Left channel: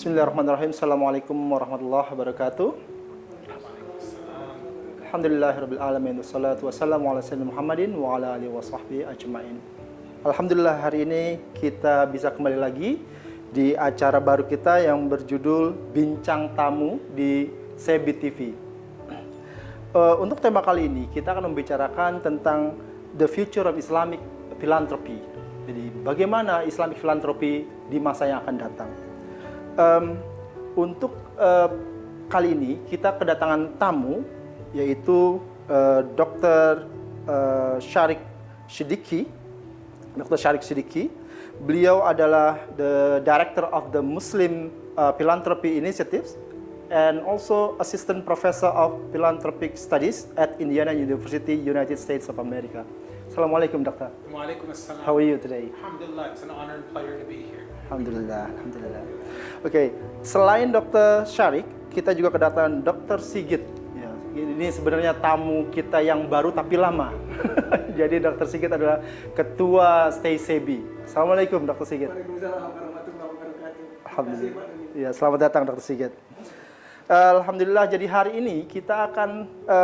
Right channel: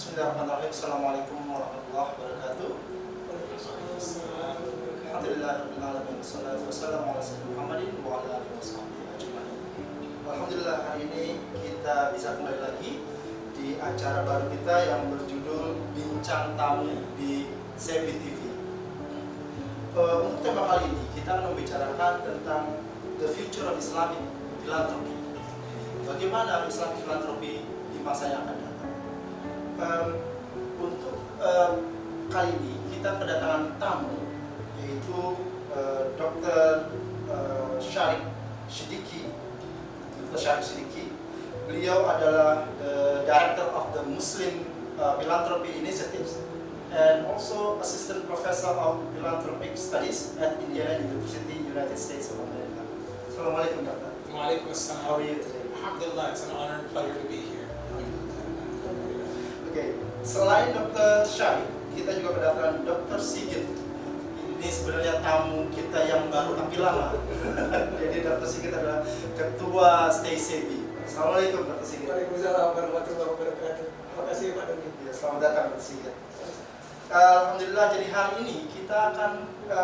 Bismillahirrahmanirrahim. Assalamualaikum warahmatullahi wabarakatuh. Alhamdulillahirabbil alamin. Wassalatu wassalamu ala sayyidina Muhammadin wa ala alihi washabbihi ajmain. Alhamdulillah, hari ini kita bisa kembali lagi di acara baru kita yang berjudul Bincang Tamu di Sebi TV. Untuk tema kali ini kita akan membicarakan tentang the future of Islamic philanthropy. Jadi bagaimana Islamic philanthropy di masa yang akan datang. Untuk kali ini kita kedatangan tamu, yaitu Dr. Sharik Siddiqui. Dr. Sharik Siddiqui, beliau adalah the Director of the Muslim Philanthropy Initiatives and also Assistant Professor of Philanthropic Studies at Indiana University, United States of America. Assalamualaikum, Dokter. Waalaikumsalam. How are you today? Alhamdulillah, it's an honor and pleasure to be here. Alhamdulillah, alhamdulillah. Oke, selain Dr. Sharik, kita juga kedatangan Dr. Sigit. Ya, ini sebenarnya tamu kita yang baru tapi lama. Jadi Dr. Sigit adalah Ketua Stay Sebi. Assalamualaikum, Dr. Sigit. Waalaikumsalam warahmatullahi wabarakatuh. Terima kasih, Pak Doni. Ya, selamat datang, Dr. Sigit. Alhamdulillah, jadi hari ini kita akan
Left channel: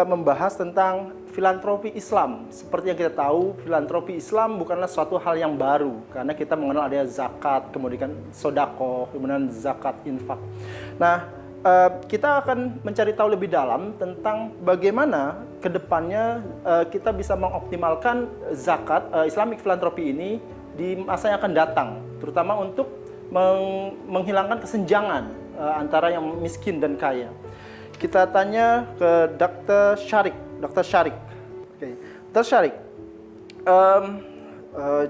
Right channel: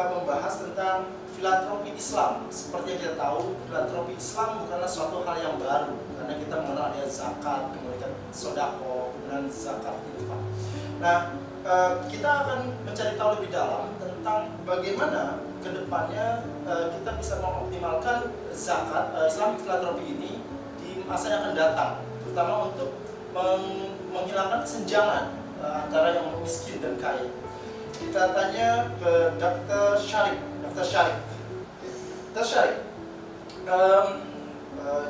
membahas tentang filantropi Islam. Seperti yang kita tahu, filantropi Islam bukanlah suatu hal yang baru, karena kita mengenal adanya zakat, kemudian sodako, kemudian zakat infak. Nah, kita akan mencari tahu lebih dalam tentang bagaimana kedepannya kita bisa mengoptimalkan zakat Islamic filantropi ini di masa yang akan datang, terutama untuk menghilangkan kesenjangan antara yang miskin dan kaya. Kita tanya ke Dr. Sharik. Dr. Sharik. Okay. Dr. Sharik,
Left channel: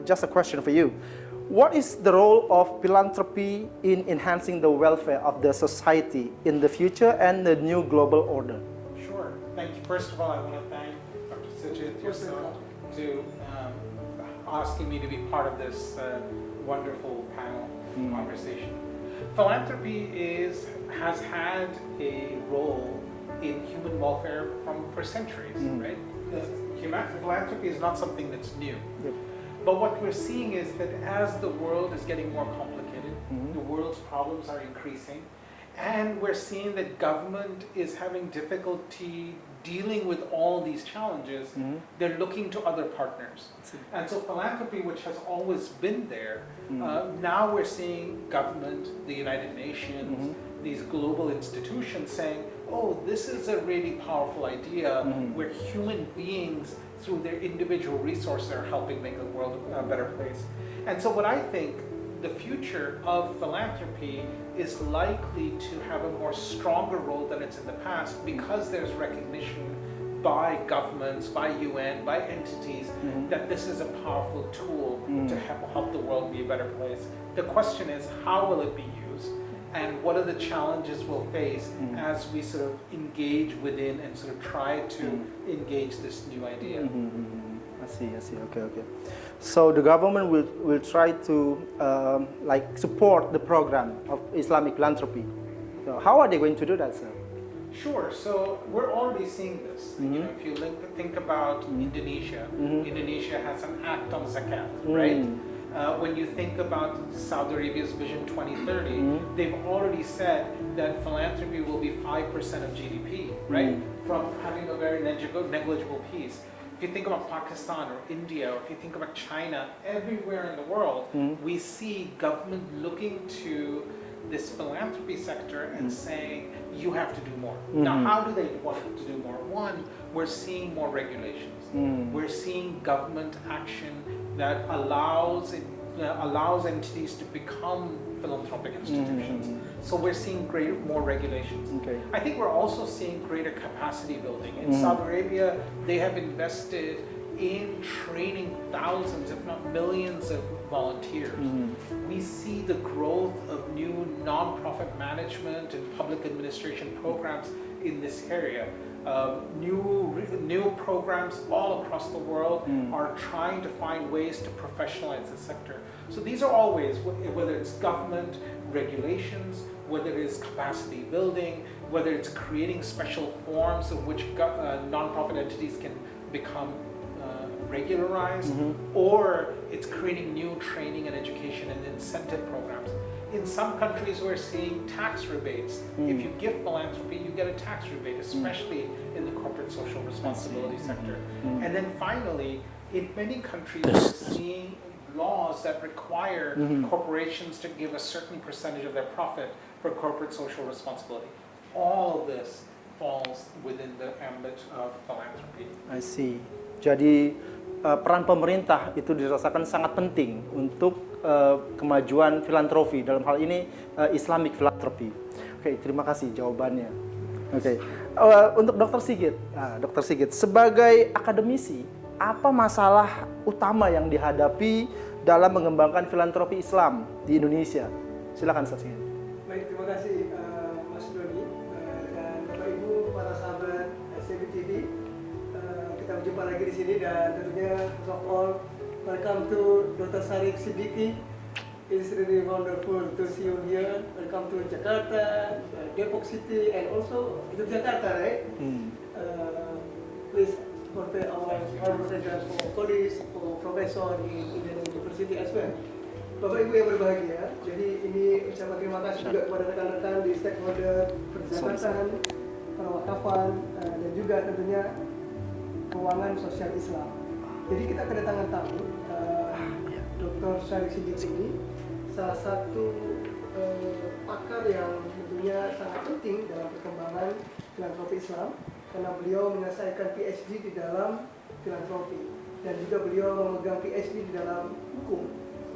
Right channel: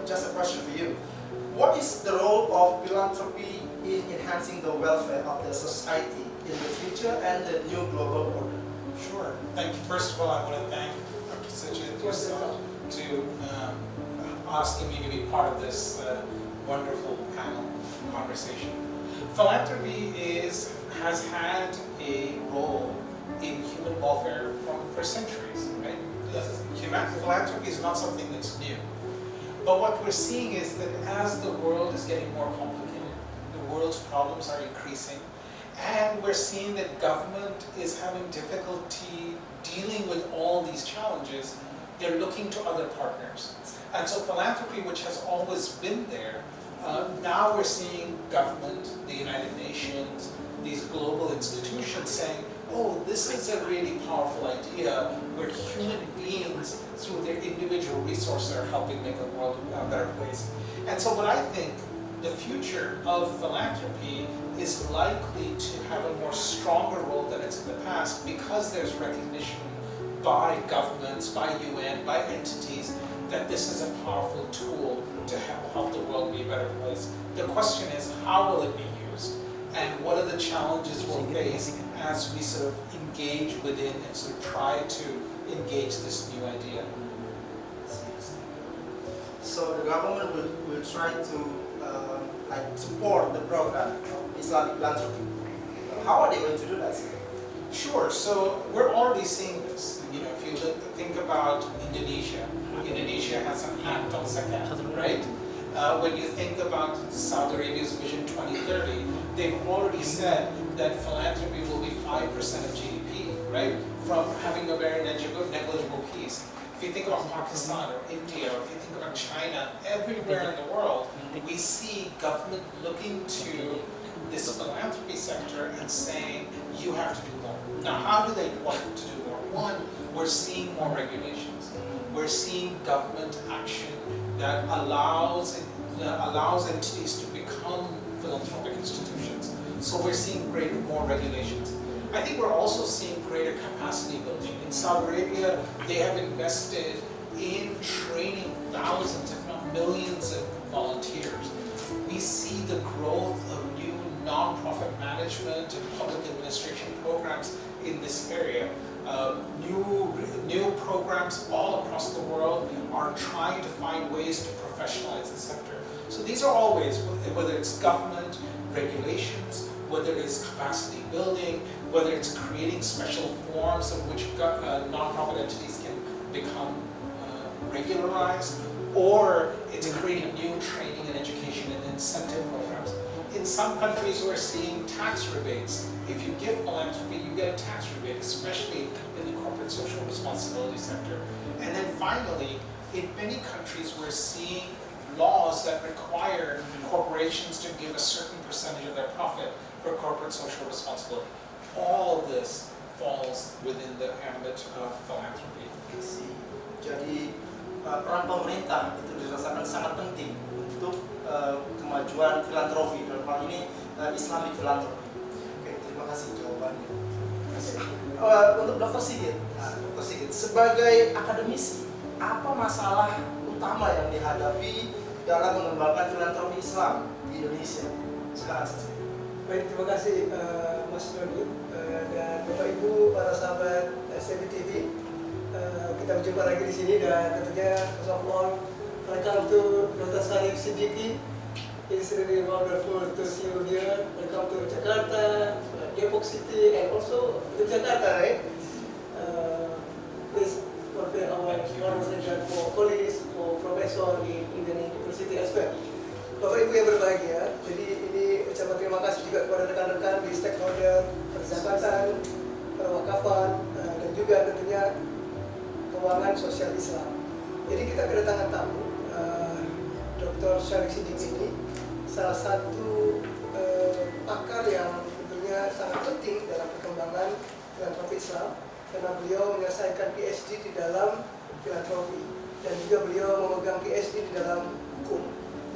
just a question for you. What is the role of philanthropy in enhancing the welfare of the society in the future and the new global order? Sure. Thank you. First of all, I want to thank Dr. Sajid yourself to asking me to be part of this wonderful panel conversation. Philanthropy has had a role in human welfare for centuries, right? Philanthropy is not something that's new. But what we're seeing is that as the world is getting more complicated, the world's problems are increasing, and we're seeing that government is having difficulty dealing with all these challenges, they're looking to other partners. And so philanthropy, which has always been there, now we're seeing government, the United Nations, these global institutions saying, oh, this is a really powerful idea where human beings, through their individual resources, are helping make the world a better place. And so what I think the future of philanthropy is likely to have a more stronger role than it's in the past, because there's recognition by governments, by UN, by entities, that this is a powerful tool to help the world be a better place. The question is, how will it be used? And what are the challenges we'll face as we sort of engage within and sort of try to engage this new idea? I see, okay. So the government will try to support the program of Islamic philanthropy. How are they going to do that, sir? Sure. So we're already seeing this. You know, if you think about Indonesia, Indonesia has an act on zakat, right? When you think about Saudi Arabia's Vision 2030, they've already said that philanthropy will be 5% of GDP, right? From having a very negligible piece. If you think about Pakistan or India, or if you think about China, everywhere in the world, we see government looking to this philanthropy sector and saying, you have to do more. Now, how do they want to do more? One, we're seeing more regulations. We're seeing government action that allows entities to become philanthropic institutions. So we're seeing more regulations. Okay. I think we're also seeing greater capacity building. In Saudi Arabia, they have invested in training thousands, if not millions, of volunteers. We see the growth of new non-profit management and public administration programs in this area. New programs all across the world are trying to find ways to professionalize the sector. So these are all ways, whether it's government, regulations, whether it's capacity building, whether it's creating special forms in which non-profit entities can become regularized, or it's creating new training and education and incentive programs. In some countries we're seeing tax rebates. If you give philanthropy, you get a tax rebate, especially in the corporate social responsibility sector. And then finally, in many countries we're seeing laws that require corporations to give a certain percentage of their profit for corporate social responsibility. All of this falls within the ambit of philanthropy. I see. Jadi peran pemerintah itu dirasakan sangat penting untuk kemajuan filantropi, dalam hal ini Islamic philanthropy. Oke, terima kasih jawabannya. Oke. Untuk Dr. Sigit, Dr. Sigit sebagai akademisi, apa masalah utama yang dihadapi dalam mengembangkan filantropi Islam di Indonesia? Silakan Ustaz Sigit. Baik, terima kasih Mas Doni dan Bapak Ibu para sahabat SCB TV. Kita berjumpa lagi di sini dan tentunya first of all, welcome to Dr. Syarif Siddiqui. It's really wonderful to see you here. Welcome to Jakarta, Depok City, and also to Jakarta, right? Please convey our congratulations for colleagues, for professor in Indian University as well. Bapak Ibu yang berbahagia, jadi ini ucapan terima kasih juga kepada rekan-rekan di stakeholder perzakat, perwakafan, dan juga tentunya keuangan sosial Islam. Jadi kita kedatangan tamu Dr. Syarif Siddiqui ini salah satu pakar yang tentunya sangat penting dalam perkembangan filantropi Islam karena beliau menyelesaikan PhD di dalam filantropi dan juga beliau memegang PhD di dalam hukum.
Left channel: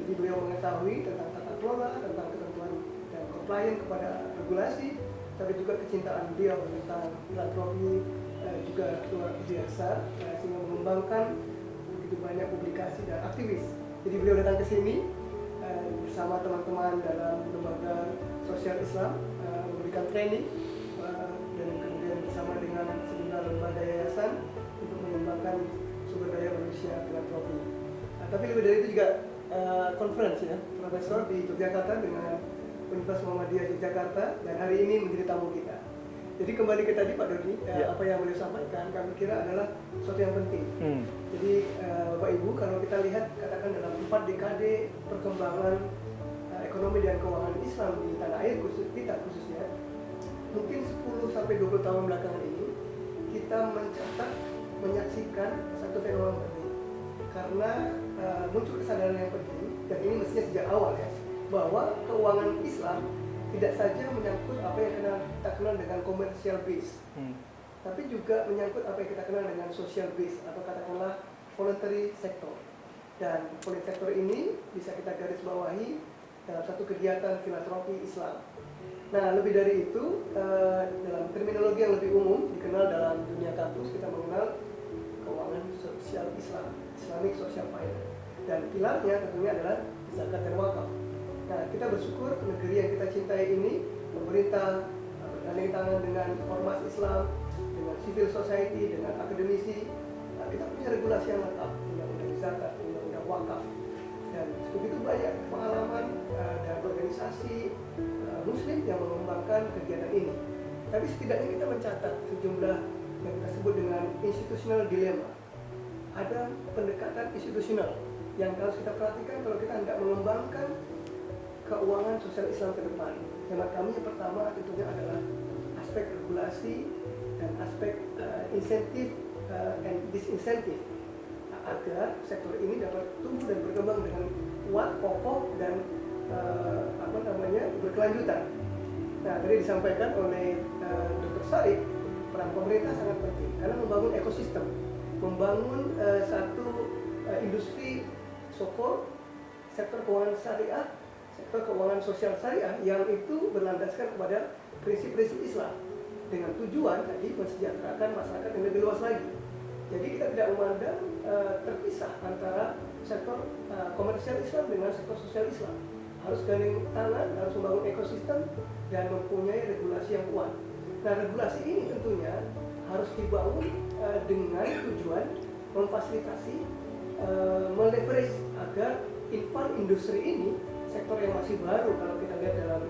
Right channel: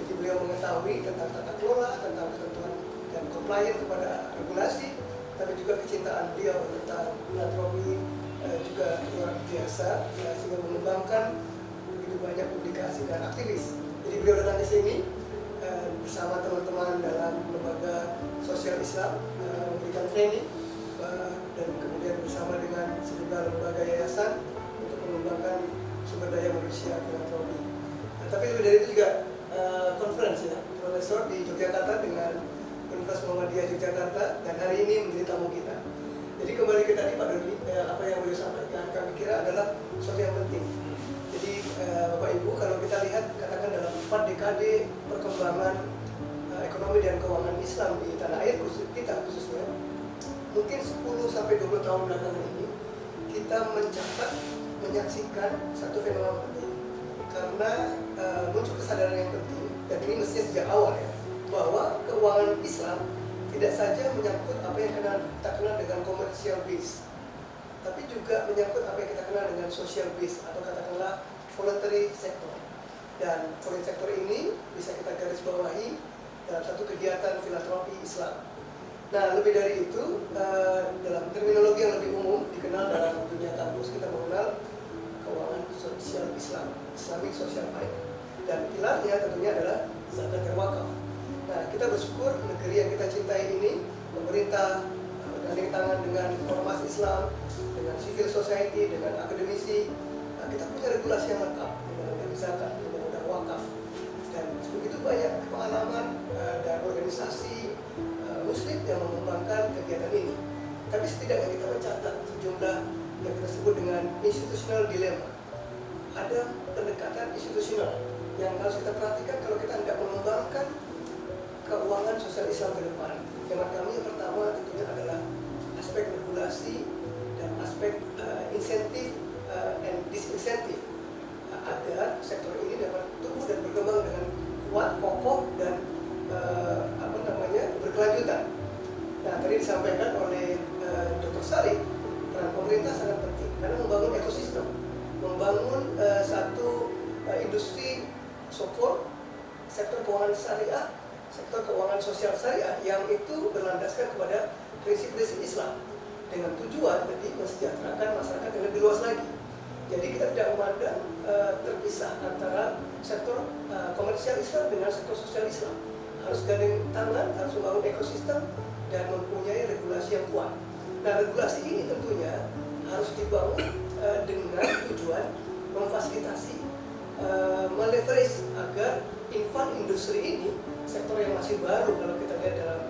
Jadi beliau mengetahui tentang tata kelola, tentang ketentuan dan compliance kepada regulasi, tapi juga kecintaan beliau tentang filantropi juga luar biasa sehingga mengembangkan begitu banyak publikasi dan aktivis. Jadi beliau datang ke sini bersama teman-teman dalam lembaga sosial Islam memberikan training dan kemudian bersama dengan sejumlah lembaga yayasan untuk mengembangkan sumber daya manusia filantropi. Tapi lebih dari itu juga conference ya, profesor di Yogyakarta dengan Universitas Muhammadiyah Yogyakarta dan hari ini menjadi tamu kita. Jadi kembali ke tadi Pak Doni, apa yang beliau sampaikan kami kira adalah sesuatu yang penting. Jadi Bapak Ibu kalau kita lihat katakan dalam 4 dekade perkembangan ekonomi dan keuangan Islam di tanah air kita khususnya, mungkin 10 sampai 20 tahun belakangan ini kita menyaksikan satu fenomena penting karena muncul kesadaran yang penting dan ini mestinya sejak awal ya bahwa keuangan Islam tidak saja menyangkut apa yang kita kenal dengan commercial base, tapi juga menyangkut apa yang kita kenal dengan social base atau katakanlah voluntary sector. Dan voluntary sector ini bisa kita garis bawahi dalam satu kegiatan filantropi Islam. Nah, lebih dari itu, dalam terminologi yang lebih umum dikenal dalam dunia kampus kita mengenal keuangan sosial Islam, Islamic Social Finance. Dan pilarnya tentunya adalah zakat dan wakaf. Nah, kita bersyukur negeri yang kita cintai ini, pemerintah bergandeng tangan dengan ormas Islam, dengan civil society, dengan akademisi, kita punya regulasi yang lengkap, undang-undang zakat, undang-undang wakaf, dan begitu banyak pengalaman dan organisasi Muslim yang mengembangkan kegiatan ini. Tapi setidaknya kita mencatat sejumlah yang kita sebut dengan institutional dilemma. Ada pendekatan institusional yang harus kita perhatikan kalau kita tidak mengembangkan keuangan sosial Islam ke depan. Hemat kami yang pertama tentunya adalah aspek regulasi dan aspek insentif dan disinsentif agar sektor ini dapat tumbuh dan berkembang dengan kuat, kokoh dan berkelanjutan. Nah, tadi disampaikan oleh Dr. Syarif, peran pemerintah sangat penting karena membangun ekosistem, membangun satu industri sokol sektor keuangan syariah, sektor keuangan sosial syariah yang itu berlandaskan kepada prinsip-prinsip Islam dengan tujuan jadi mensejahterakan masyarakat yang lebih luas lagi. Jadi kita tidak memandang terpisah antara sektor komersial Islam dengan sektor sosial Islam. Harus gandeng tangan, harus membangun ekosistem dan mempunyai regulasi yang kuat. Nah, regulasi ini tentunya harus dibangun dengan tujuan memfasilitasi, meleverage agar infan industri ini, sektor yang masih baru kalau kita lihat dalam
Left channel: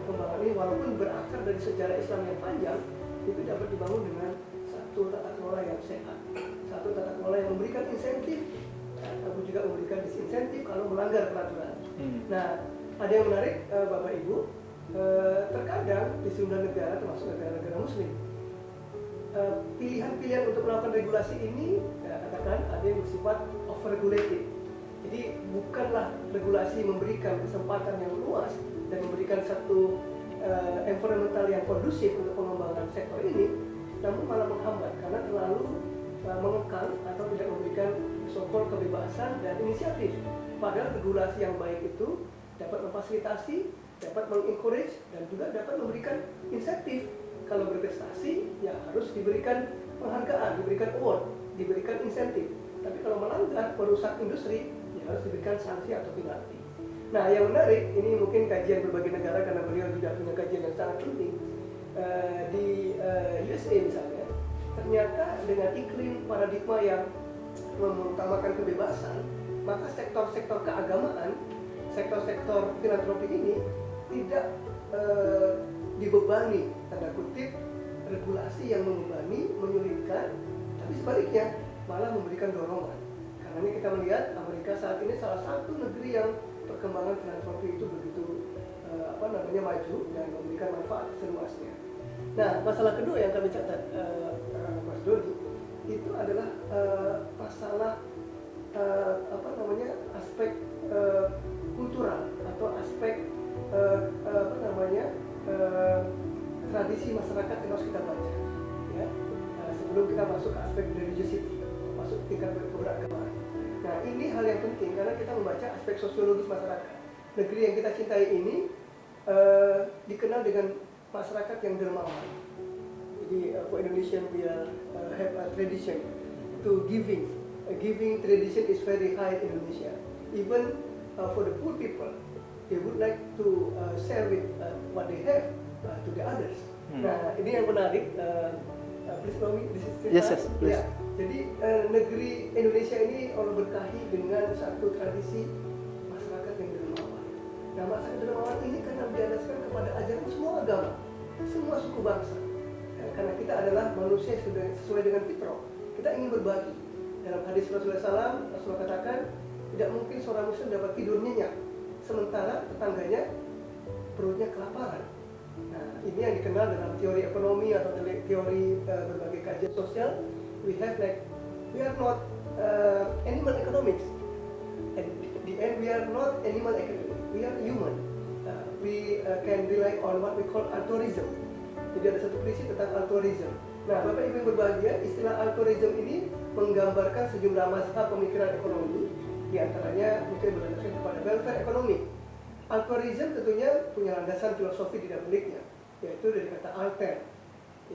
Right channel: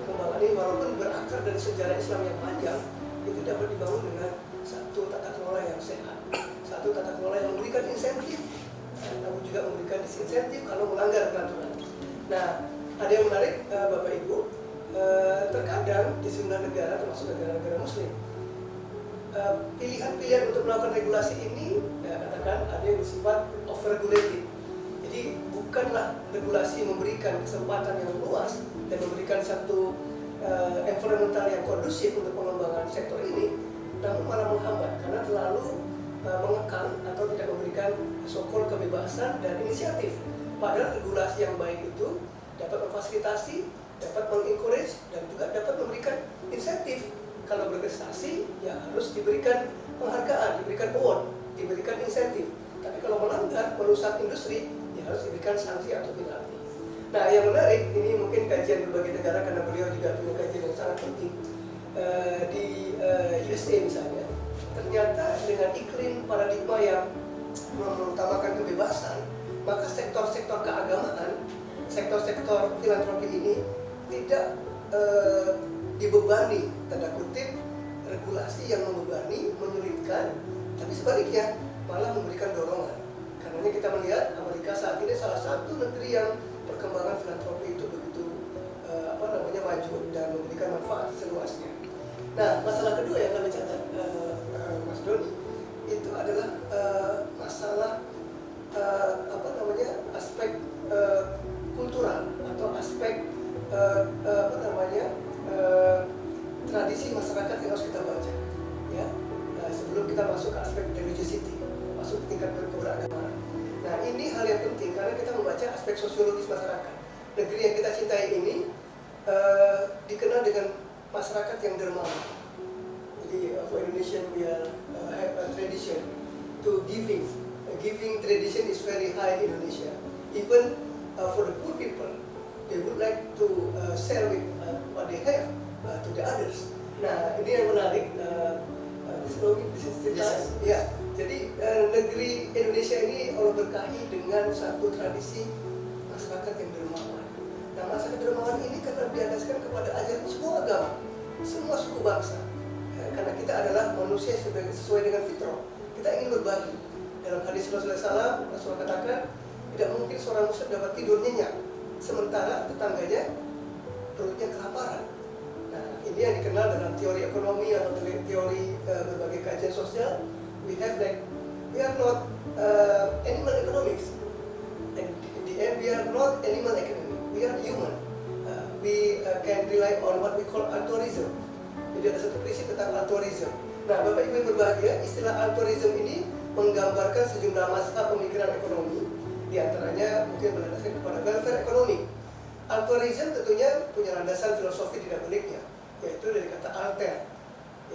perkembangan ini, walaupun berakar dari sejarah Islam yang panjang, itu dapat dibangun dengan satu tata kelola yang sehat, satu tata kelola yang memberikan insentif, namun juga memberikan disinsentif kalau melanggar peraturan. Nah, ada yang menarik Bapak Ibu, terkadang di sejumlah negara termasuk negara-negara Muslim, pilihan-pilihan untuk melakukan regulasi ini katakan ada yang bersifat over-regulated. Jadi bukanlah regulasi memberikan kesempatan yang luas dan memberikan satu environmental yang kondusif untuk pengembangan sektor ini, namun malah menghambat karena terlalu mengekang atau tidak memberikan so-called kebebasan dan inisiatif. Padahal regulasi yang baik itu dapat memfasilitasi, dapat mengencourage, dan juga dapat memberikan insentif. Kalau berprestasi, ya harus diberikan penghargaan, diberikan award, diberikan insentif. Tapi kalau melanggar, merusak industri, ya harus diberikan sanksi atau penalti. Nah, yang menarik, ini mungkin kajian berbagai negara karena beliau juga punya kajian yang sangat penting. Di USA misalnya, ternyata dengan iklim paradigma yang mengutamakan kebebasan, maka sektor-sektor keagamaan, sektor-sektor filantropi ini tidak dibebani, tanda kutip, regulasi yang membebani, menyulitkan, tapi sebaliknya malah memberikan dorongan. Karenanya kita melihat Amerika saat ini salah satu negeri yang perkembangan filantropi itu begitu maju dan memberikan manfaat seluasnya. Nah, masalah kedua yang kami catat, Mas Doni, itu adalah masalah aspek kultural atau aspek tradisi masyarakat yang harus kita baca, ya. Sebelum kita masuk ke aspek religiosity, masuk ke tingkat keberagamaan. Nah, ini hal yang penting karena kita membaca aspek sosiologis masyarakat. Negeri yang kita cintai ini dikenal dengan masyarakat yang dermawan. Jadi for Indonesia we have a tradition to giving. A giving tradition is very high in Indonesia. Even for the poor people, they would like to share with what they have to the others. Nah, ini yang menarik. Yes. Ya, jadi negeri Indonesia ini Allah berkahi dengan satu tradisi masyarakat yang dermawan. Nah, masyarakat dermawan ini karena diandaskan kepada ajaran semua agama, semua suku bangsa. Ya, karena kita adalah manusia sesuai dengan fitrah. Kita ingin berbagi. Dalam hadis Rasulullah SAW, Rasulullah katakan tidak mungkin seorang muslim dapat tidur nyenyak sementara tetangganya perutnya kelaparan. Nah, ini yang dikenal dalam teori ekonomi atau teori berbagai kajian sosial. We are not animal economics. And in the end, we are not animal economy. We are human. We can rely on what we call altruism. Jadi ada satu prinsip tentang altruism. Nah, Bapak Ibu yang berbahagia, istilah altruism ini menggambarkan sejumlah masalah pemikiran ekonomi, diantaranya mungkin berdasarkan kepada welfare ekonomi. Altruism tentunya punya landasan filosofi di baliknya, yaitu dari kata alter,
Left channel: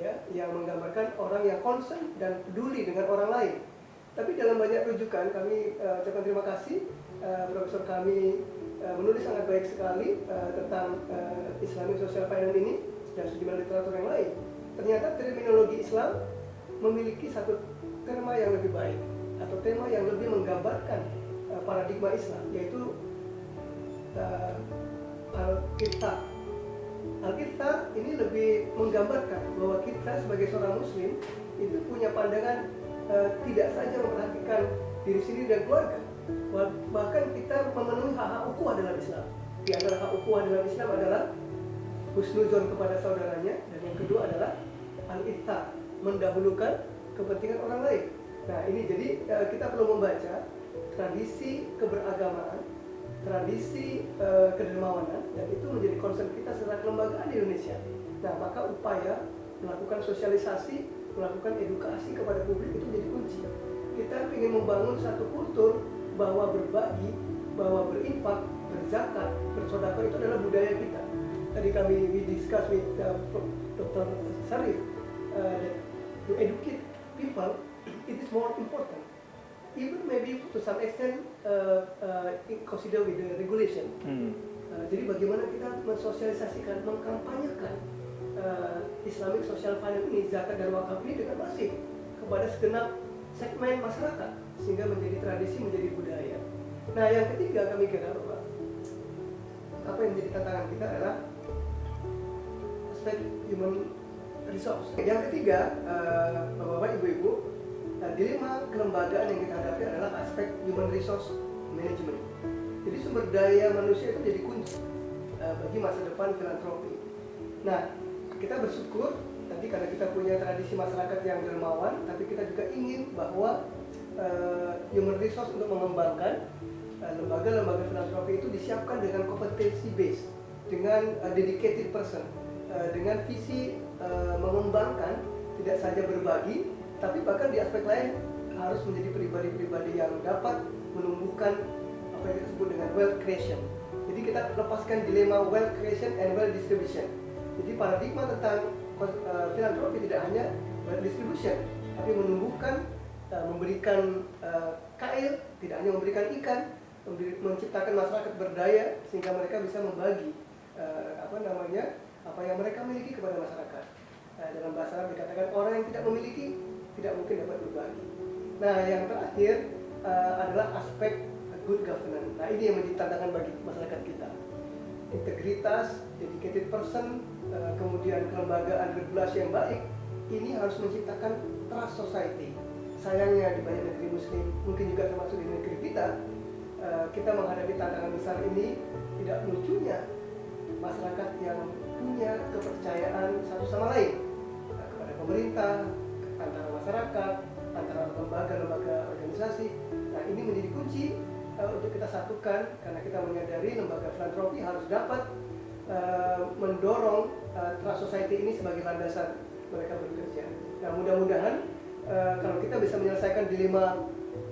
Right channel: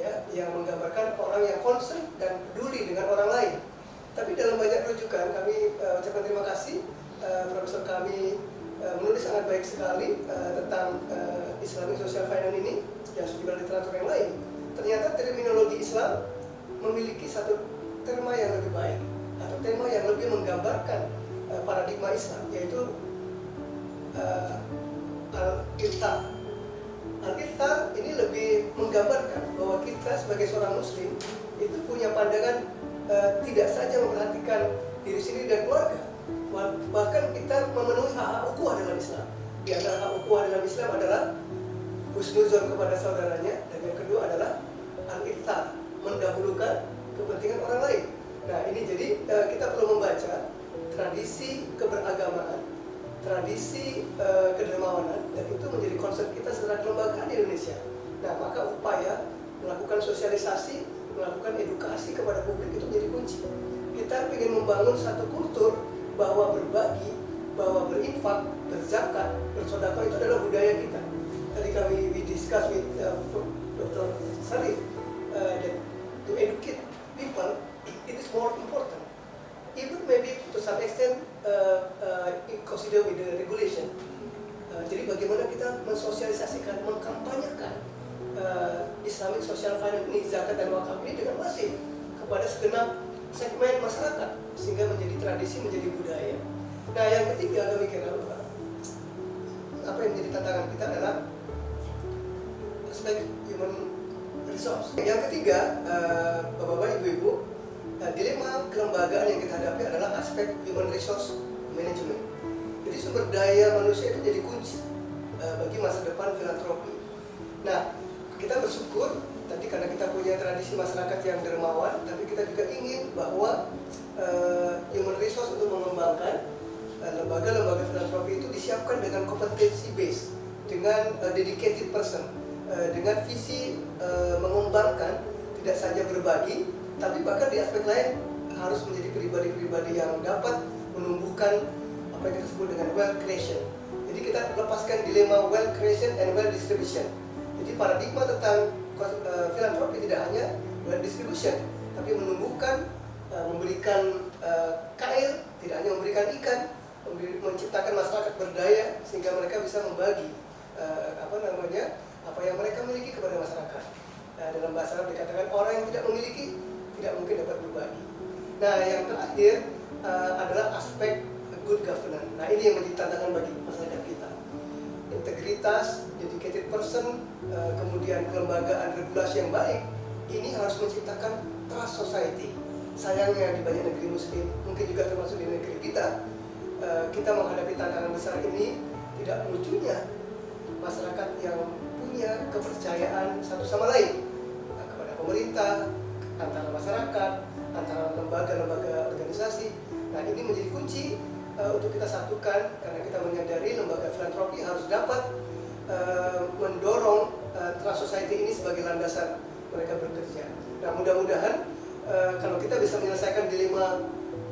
ya, yang menggambarkan orang yang concern dan peduli dengan orang lain. Tapi dalam banyak rujukan kami ucapkan terima kasih, profesor kami menulis sangat baik sekali tentang Islamic Social Finance ini dan sejumlah literatur yang lain. Ternyata terminologi Islam memiliki satu terma yang lebih baik atau terma yang lebih menggambarkan paradigma Islam, yaitu al-Iqtar. Al-Iqtar ini lebih menggambarkan bahwa kita sebagai seorang muslim itu punya pandangan tidak saja memperhatikan diri sendiri dan keluarga, bahkan kita memenuhi hak-hak ukhuwah dalam Islam. Di antara hak ukhuwah dalam Islam adalah husnuzon kepada saudaranya, dan yang kedua adalah al-Iqtar, mendahulukan kepentingan orang lain. Nah, ini jadi kita perlu membaca tradisi keberagamaan, tradisi kedermawanan, dan itu menjadi concern kita secara kelembagaan di Indonesia. Nah, maka upaya melakukan sosialisasi, melakukan edukasi kepada publik itu menjadi kunci. Kita ingin membangun satu kultur bahwa berbagi, bahwa berinfak, berzakat, bersedekah itu adalah budaya kita. Tadi we discuss with Dr. Sarif that to educate people, it is more important. Even maybe to some extent consider with the regulation. Jadi bagaimana kita mensosialisasikan, mengkampanyekan Islamic Social Finance ini, zakat dan wakaf ini dengan masif kepada segenap segmen masyarakat sehingga menjadi tradisi, menjadi budaya. Nah, yang ketiga kami kira apa yang menjadi tantangan kita adalah aspek human resource. Yang ketiga, Bapak-bapak, Ibu-ibu, dilema kelembagaan yang kita hadapi adalah aspek human resource management. Jadi sumber daya manusia itu jadi kunci bagi masa depan filantropi. Nah, kita bersyukur tadi karena kita punya tradisi masyarakat yang dermawan, tapi kita juga ingin bahwa human resource untuk mengembangkan lembaga-lembaga filantropi itu disiapkan dengan kompetensi base, dengan dedicated person, dengan visi mengembangkan tidak saja berbagi, tapi bahkan di aspek lain harus menjadi pribadi-pribadi yang dapat menumbuhkan apa yang kita sebut dengan wealth creation. Jadi kita lepaskan dilema wealth creation and wealth distribution. Jadi paradigma tentang filantropi tidak hanya wealth distribution, tapi menumbuhkan, memberikan kail, tidak hanya memberikan ikan, menciptakan masyarakat berdaya sehingga mereka bisa membagi apa yang mereka miliki kepada masyarakat. Dalam bahasa Arab dikatakan orang yang tidak memiliki tidak mungkin dapat berbagi. Nah, yang terakhir adalah aspek good governance. Nah, ini yang menjadi tantangan bagi masyarakat kita. Integritas, dedicated person, kemudian kelembagaan regulasi yang baik, ini harus menciptakan trust society. Sayangnya di banyak negeri muslim, mungkin juga termasuk di negeri kita menghadapi tantangan besar ini. Tidak lucunya masyarakat yang punya kepercayaan satu sama lain kepada pemerintah, antara masyarakat, antara lembaga-lembaga organisasi. Nah, ini menjadi kunci untuk kita satukan, karena kita menyadari lembaga filantropi harus dapat mendorong trust society ini sebagai landasan mereka bekerja. Nah, mudah-mudahan kalau kita bisa menyelesaikan dilema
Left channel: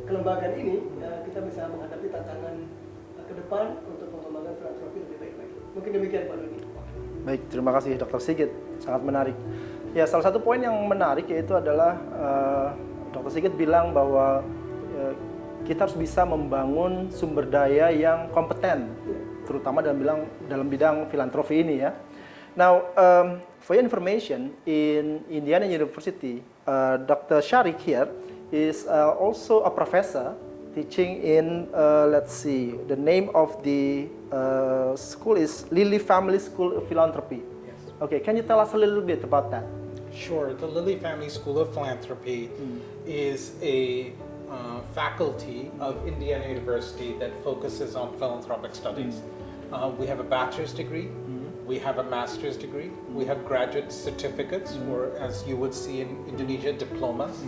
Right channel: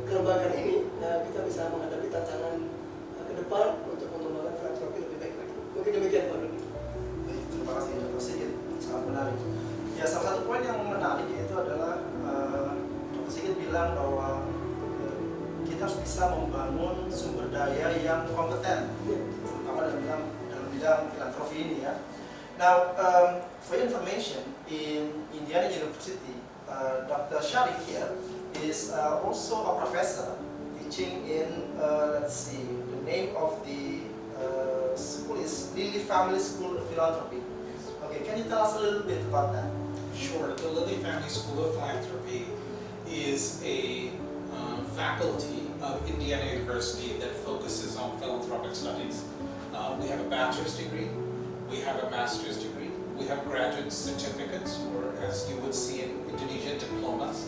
kelembagaan ini, kita bisa menghadapi tantangan ke depan untuk mengembangkan filantropi lebih baik lagi. Mungkin demikian Pak Doni. Baik, terima kasih Dr. Sigit, sangat menarik. Ya, salah satu poin yang menarik yaitu adalah Dr. Sigit bilang bahwa kita harus bisa membangun sumber daya yang kompeten, terutama dalam bidang filantropi ini ya. Now, for your information, in Indiana University, Dr. Sharik here is also a professor teaching in, let's see, the name of the school is Lilly Family School of Philanthropy. Okay, can you tell us a little bit about that? Sure. The Lilly Family School of Philanthropy is a faculty of Indiana University that focuses on philanthropic studies. We have a bachelor's degree, we have a master's degree, we have graduate certificates, or as you would see in Indonesia, diplomas.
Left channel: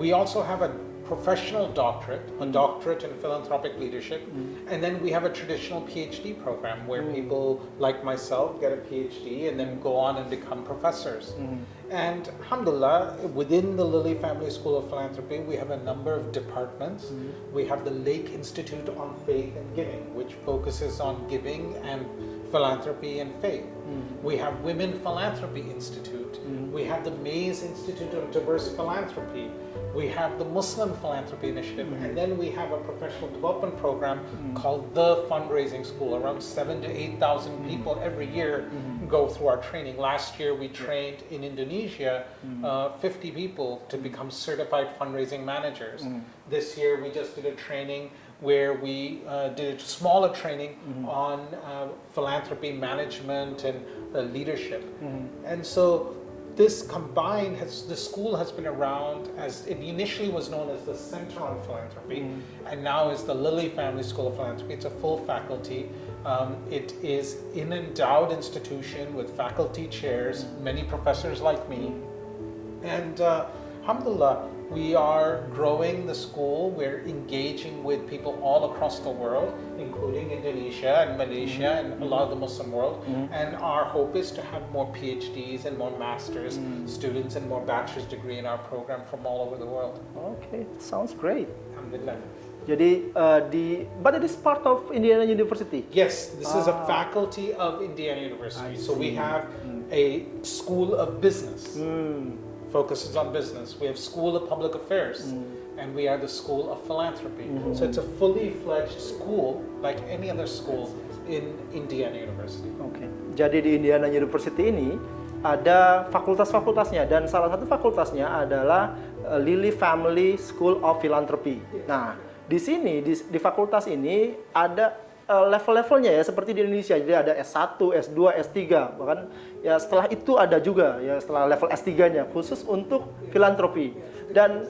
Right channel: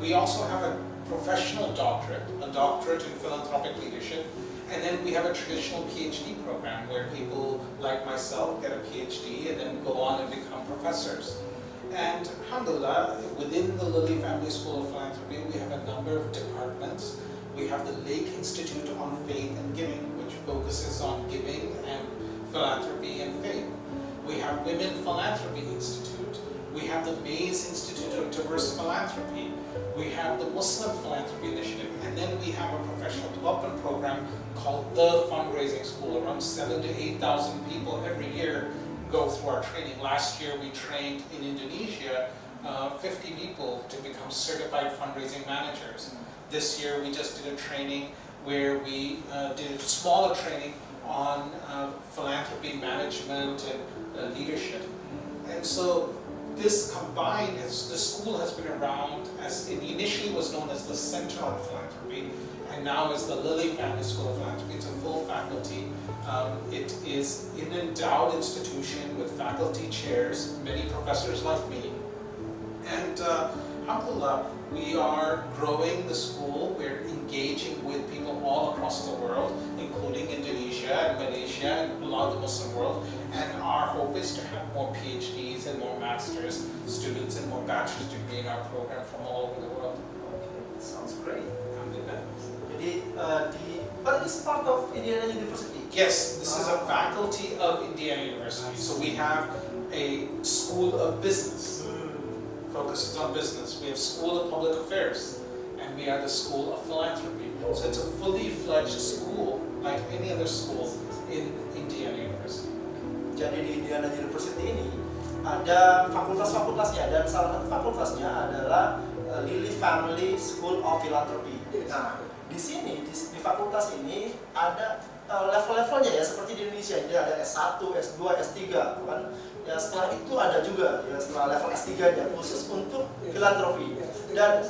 We also have a professional doctorate, a doctorate in philanthropic leadership, and then we have a traditional PhD program where people like myself get a PhD and then go on and become professors. And alhamdulillah, within the Lilly Family School of Philanthropy, we have a number of departments. We have the Lake Institute on Faith and Giving, which focuses on giving and philanthropy and faith. We have Women Philanthropy Institute. We have the Mays Institute of Diverse Philanthropy. We have the Muslim Philanthropy Initiative, and then we have a professional development program called the Fundraising School. Around 7,000 to 8,000 people every year go through our training. Last year we trained in Indonesia 50 people to become certified fundraising managers. This year we just did a training where we did a smaller training on philanthropy management and leadership. And so this combined, the school has been around as, it initially was known as the Center on Philanthropy, and now is the Lilly Family School of Philanthropy. It's a full faculty. It is an endowed institution with faculty chairs, many professors like me. And alhamdulillah, we are growing the school. We're engaging with people all across the world, including Indonesia and Malaysia and a lot of the Muslim world. And our hope is to have more PhDs and more master's students and more bachelor's degree in our program from all over the world. Okay, sounds great. Alhamdulillah. Jadi but it is part of Indiana University. Yes, this is a faculty of Indiana University. So we have a school of business. Focuses on business. We have School of Public Affairs, and we are the School of Philanthropy. So it's a fully fledged school like any other school in Indiana University. Okay. Jadi di Indiana University ini ada fakultas-fakultasnya, dan salah satu fakultasnya adalah Lilly Family School of Philanthropy. Nah, di sini di fakultas ini ada level-levelnya ya, seperti di Indonesia. Jadi ada S1, S2, S3, bahkan ya setelah itu ada juga ya setelah level S3-nya khusus untuk filantropi dan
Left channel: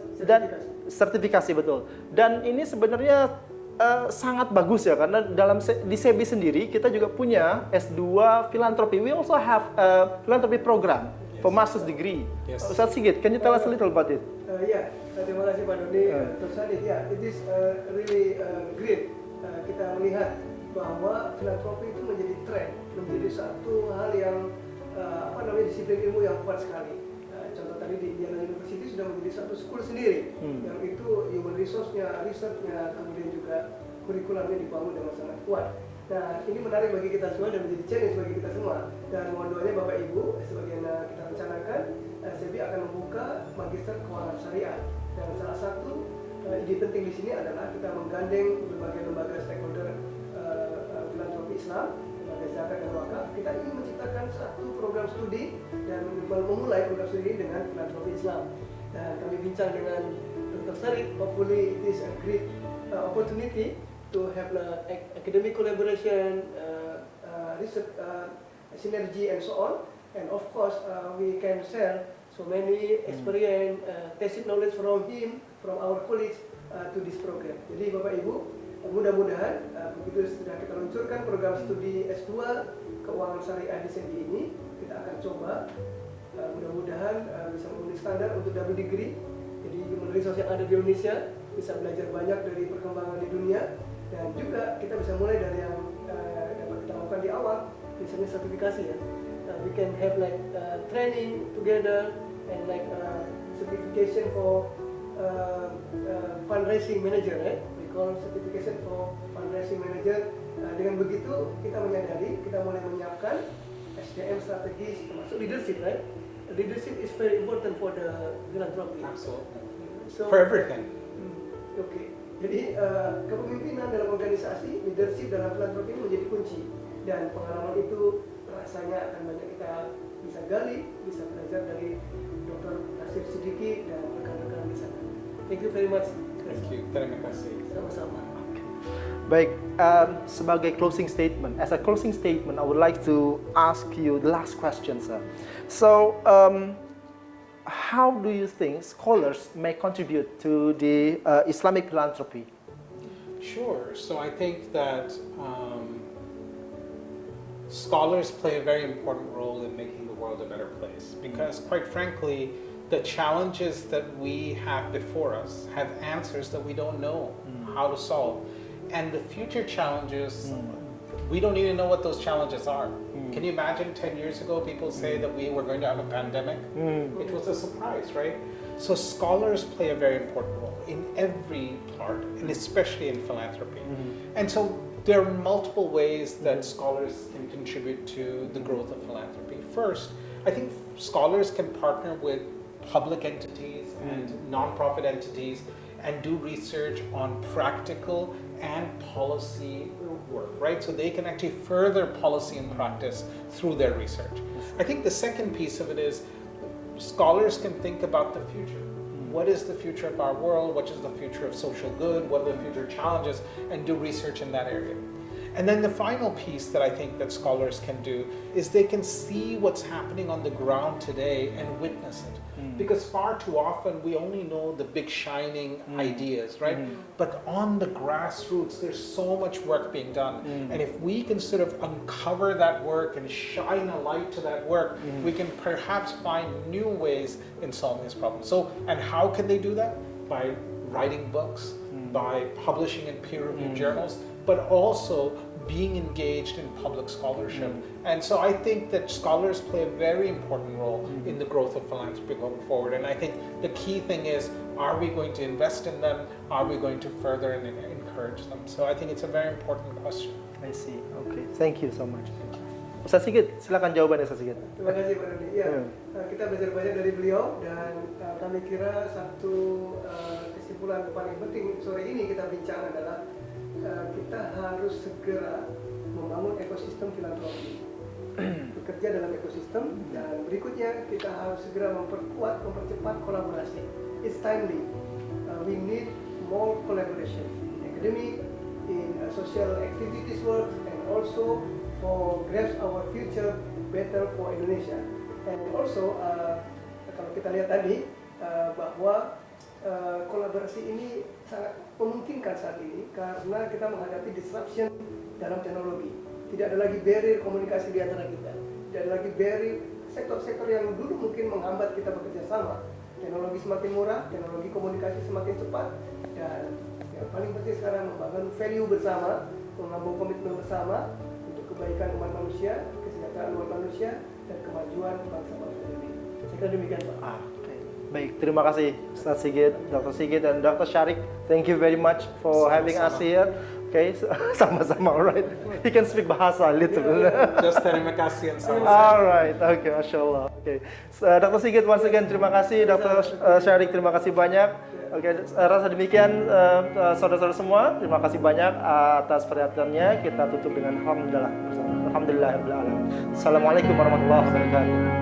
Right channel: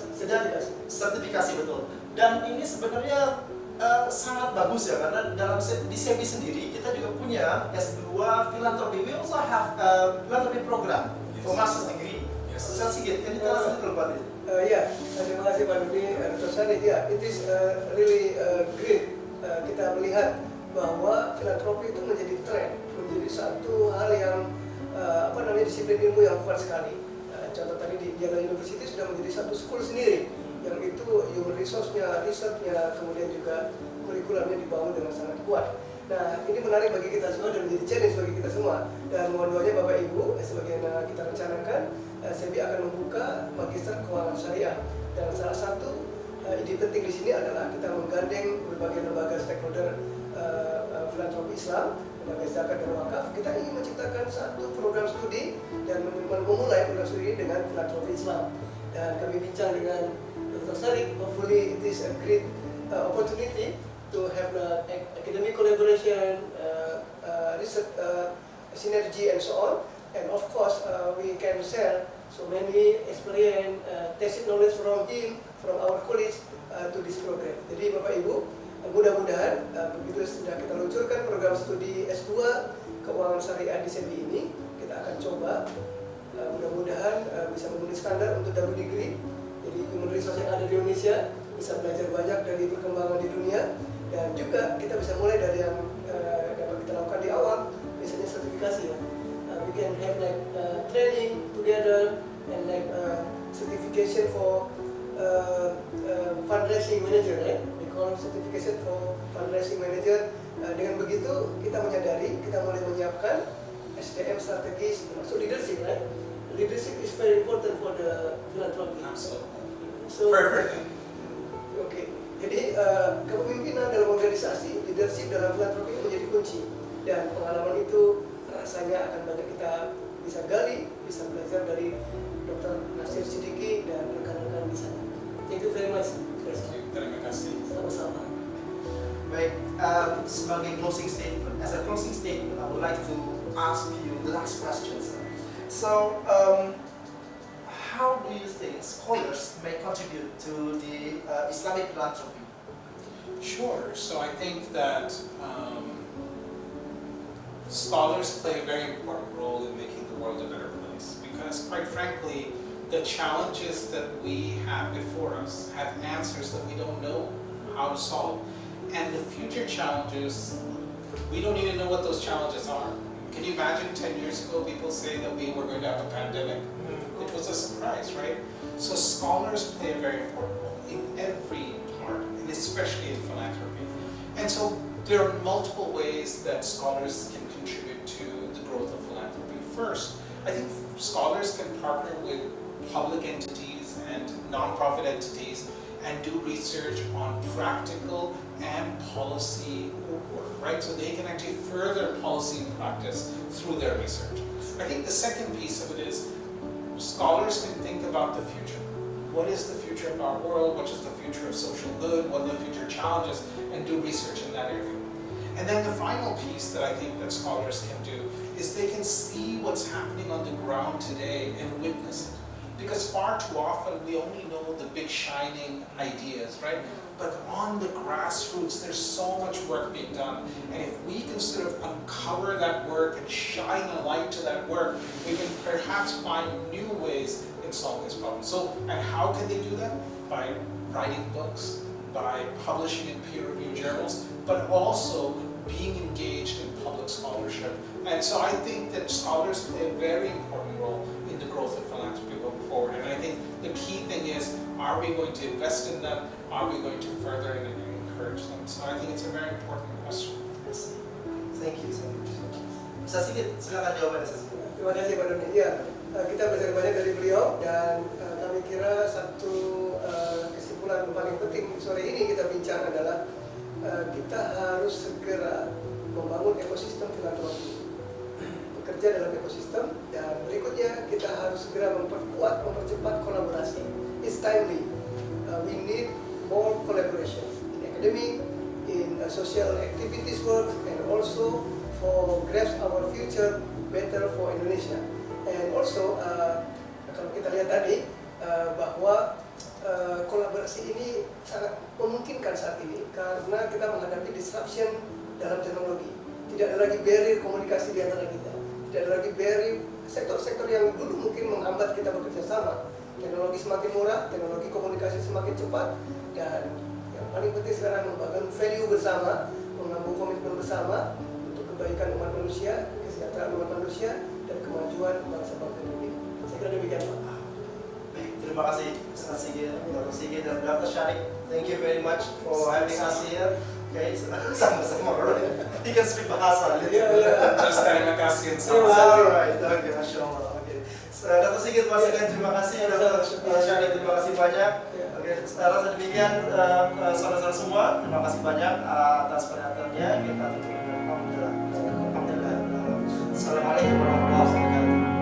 sertifikasi, betul. Dan ini sebenarnya sangat bagus ya, karena di SEBI sendiri kita juga punya S2 Philanthropy. We also have a philanthropy program for master's degree. Yes. Ustaz Sigit, can you tell us a little about it? Ya, terima kasih Pak Doni. Dr. Sadid, ya, it is really great kita melihat bahwa filantropi itu menjadi tren, menjadi satu hal yang disiplin ilmu yang kuat sekali. Contoh tadi di Indiana University sudah menjadi satu school sendiri, yang itu human resource-nya, risetnya, kemudian juga kurikulumnya dibangun dengan sangat kuat. Nah, ini menarik bagi kita semua dan menjadi challenge bagi kita semua. Dan mohon doanya Bapak Ibu, sebagaimana kita rencanakan, SEBI akan membuka Magister Keuangan Syariah. Dan salah satu ide penting di sini adalah kita menggandeng berbagai lembaga stakeholder filantropi Islam, lembaga zakat dan wakaf. Kita ingin menciptakan satu program studi dan memulai program studi dengan filantropi Islam. Dan kami bincang dengan Dr. Sadid, hopefully it is a great opportunity to have academic collaboration, research synergy and so on. And of course, we can share so many experience, tacit knowledge from him, from our colleagues to this program. Jadi Bapak Ibu, mudah-mudahan begitu sudah kita luncurkan program studi S2 Keuangan Syariah di SEBI ini, kita akan coba mudah-mudahan bisa memenuhi standar untuk double degree. Jadi human resource yang ada di Indonesia bisa belajar banyak dari perkembangan di dunia, dan juga kita bisa mulai dari yang dapat kita lakukan di awal, misalnya sertifikasi ya. We can have like training together and like certification for fundraising manager, right? We call certification for fundraising manager. Dengan begitu kita menyadari kita mulai menyiapkan SDM strategis termasuk leadership, right? Leadership is very important for the philanthropy. Absolutely. So, For everything. Oke. Jadi kepemimpinan dalam organisasi, leadership dalam filantropi menjadi kunci, dan pengalaman itu rasanya akan banyak kita bisa gali, bisa belajar dari Dr. Nasir Siddiqui dan rekan-rekan di sana. Thank you very much. Thank you. Terima kasih. Sama-sama. Baik, sebagai closing statement, as a closing statement, I would like to ask you the last question, sir. So, how do you think scholars may contribute to the Islamic philanthropy? Sure. So I think that scholars play a very important role in making the world a better place, because quite frankly, the challenges that we have before us have answers that we don't know how to solve. And the future challenges, we don't even know what those challenges are. Can you imagine 10 years ago people say that we were going to have a pandemic? It was a surprise, right? So scholars play a very important role in every part, and especially in philanthropy. And so there are multiple ways that scholars can contribute to the growth of philanthropy. First, I think scholars can partner with public entities and nonprofit entities and do research on practical and policy work, right? So they can actually further policy and practice through their research. I think the second piece of it is scholars can think about the future. What is the future of our world? What is the future of social good? What are the future challenges? And do research in that area. And then the final piece that I think that scholars can do is they can see what's happening on the ground today and witness it. Because far too often we only know the big shining ideas, right? But on the grassroots, there's so much work being done. And if we can sort of uncover that work and shine a light to that work, we can perhaps find new ways in solving this problem. So, and how can they do that? By writing books, by publishing in peer-reviewed journals, but also being engaged in public scholarship. And so I think that scholars play a very important role in the growth of philanthropy going forward. And I think the key thing is, are we going to invest in them? Are we going to further and encourage them? So I think it's a very important question. I see. Okay. Thank you so much. Ustaz Sigit, silakan jawabannya Ustaz Sigit. Terima kasih Pak Doni. Ya, kita belajar banyak dari beliau, dan kami kira satu kesimpulan paling penting sore ini kita bincang adalah kita harus segera membangun ekosistem filantropi, bekerja dalam ekosistem, dan berikutnya kita harus segera memperkuat, mempercepat kolaborasi. It's timely. We need more collaboration in academic, in social activities work, and also for grasp our future better for Indonesia. And also kalau kita lihat tadi bahwa kolaborasi ini sangat memungkinkan saat ini karena kita menghadapi disruption dalam teknologi. Tidak ada lagi barrier komunikasi di antara kita. Tidak ada lagi barrier sektor-sektor yang dulu mungkin menghambat kita bekerja sama. Teknologi semakin murah, teknologi komunikasi semakin cepat, dan yang paling penting sekarang membangun value bersama, mengambil komitmen bersama untuk kebaikan umat manusia, kesejahteraan umat manusia, dan kemajuan bangsa-bangsa dunia. Saya kira demikian, Pak. Baik, terima kasih Ustaz Sigit, Dr. Sigit, dan Dr. Syarik. Thank you very much for having us here. Okay, sama-sama, alright. He can speak bahasa little. Just terima kasih and salam. Alright, okay, Masya Allah. Okay. Dr. Sigit, once again terima kasih. Dr. Syarik, terima kasih banyak. Oke, rasa demikian saudara-saudara semua. Terima kasih banyak atas perhatiannya. Kita tutup dengan Alhamdulillah. Alhamdulillah. Assalamualaikum warahmatullahi wabarakatuh.